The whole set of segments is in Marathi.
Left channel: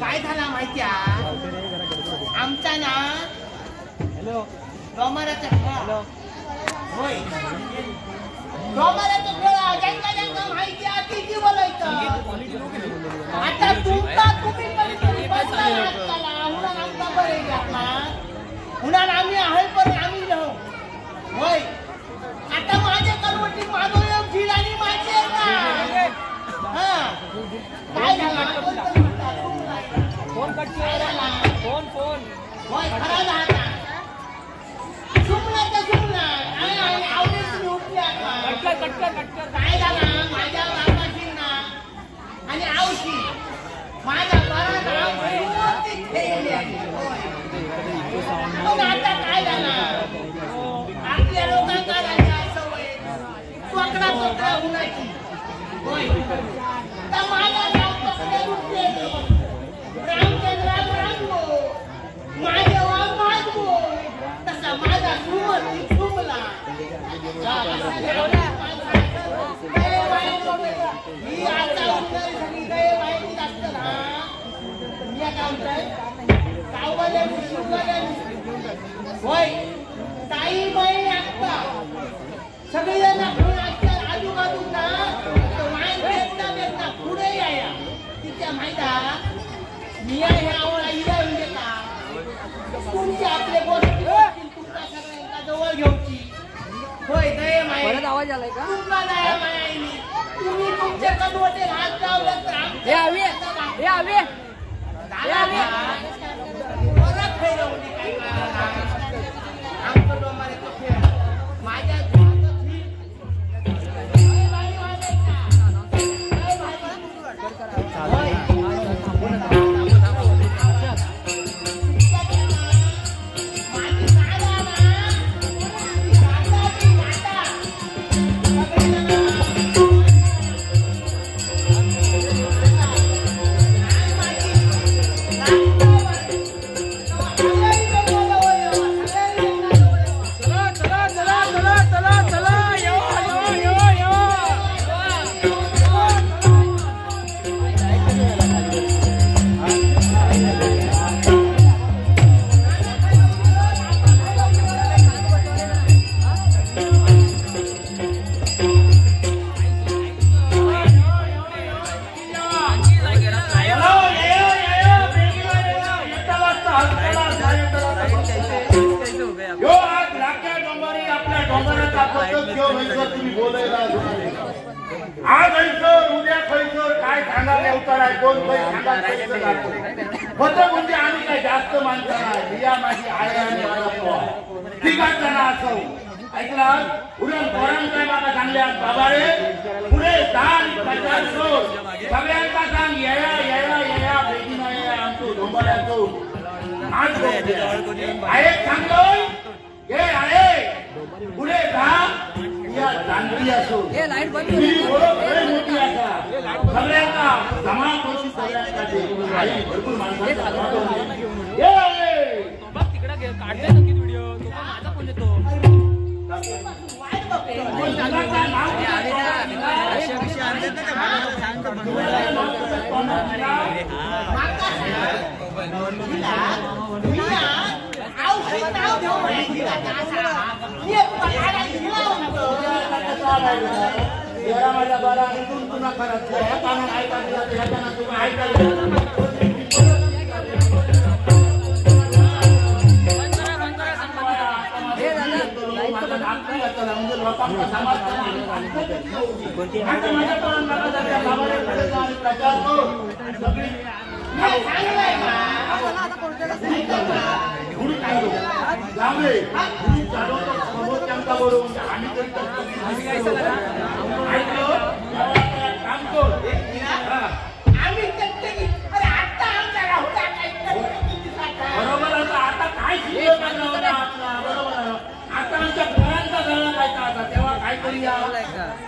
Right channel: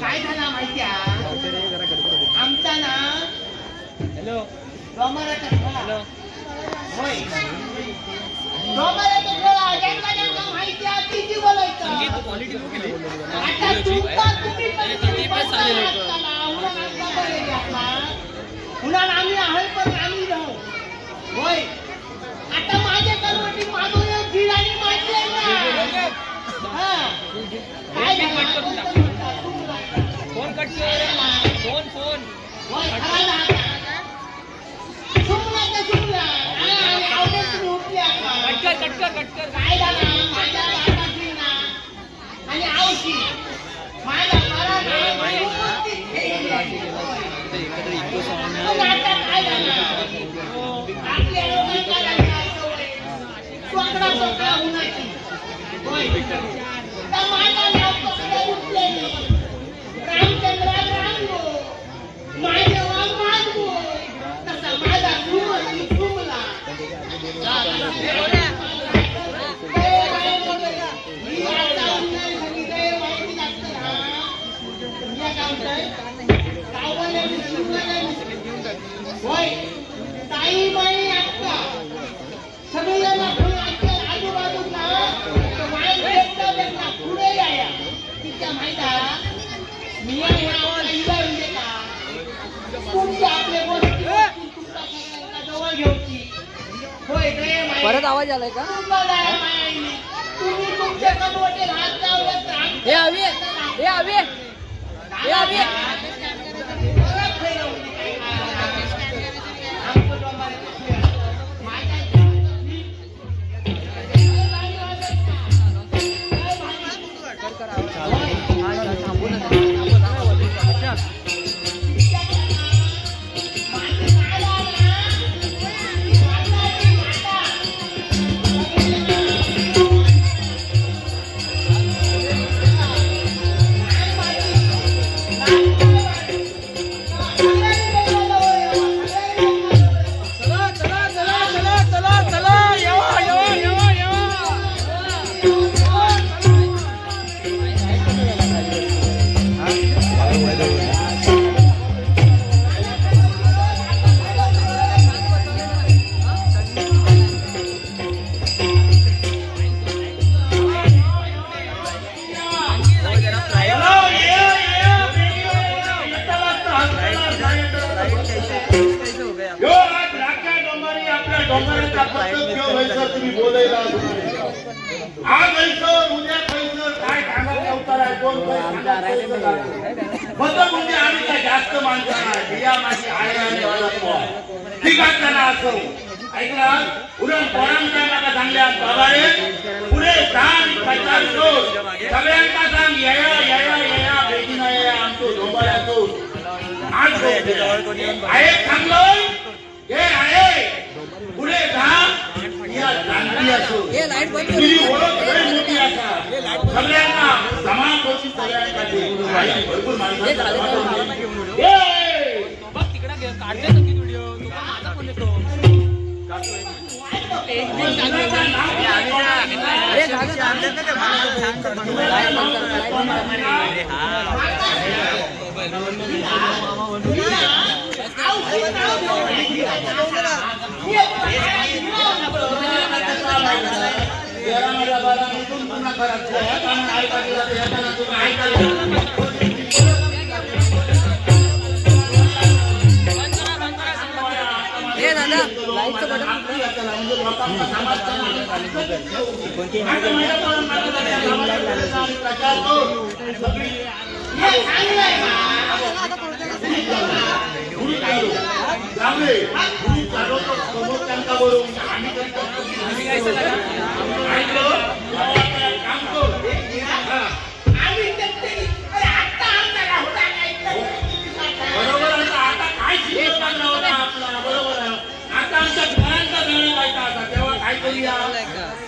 काय झाला माहिती आमचा ना डोंगराचा हॅलो होय डोंगराचा माहिती आहे किती बोलायचं आता तुम्ही पुन्हा आम्ही आहे पण आम्ही राहू होय आता माझ्या करवटी माझं झील आणि माझी आहे हा काय झालं फोन कट फोन फोन होय खरा ना सुमला आणि आवडे तुम्ही उठले कटकर काय झालं माझ्या बापाची ना आणि आवशी माझ्या बरा पण आता काय झालं आपल्या लोकांना सवय स्वतः होण्याची होय तर माझ्या बापाकडे उठलेली रामचंद्रात रामगो माझे वाघ मागो तसा माझा सुमला मी आता माहिती लागतं ना मी काय होय ताई बाई आत्ता सगळी आजूबाजूला पुढे या तिच्या माहिती मी तुमच्या आपल्या गोष्टी तुमच्या सगळ्यांना जवळ घ्यायची होय परत आवाज आलाय का तुम्ही तुमच्या कमवटे हात लावलं तर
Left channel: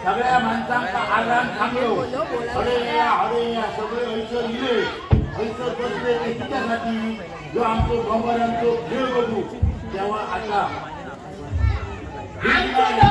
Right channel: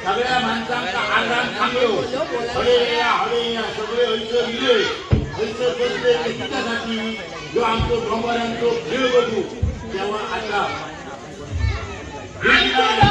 सगळ्या माणसांचा आराम थांबलो. अरे या सगळे ऐसर इले ऐसर बसले तिच्यासाठी जो आमचं भगवानांचं खेळ बघू तेव्हा आता आमच्या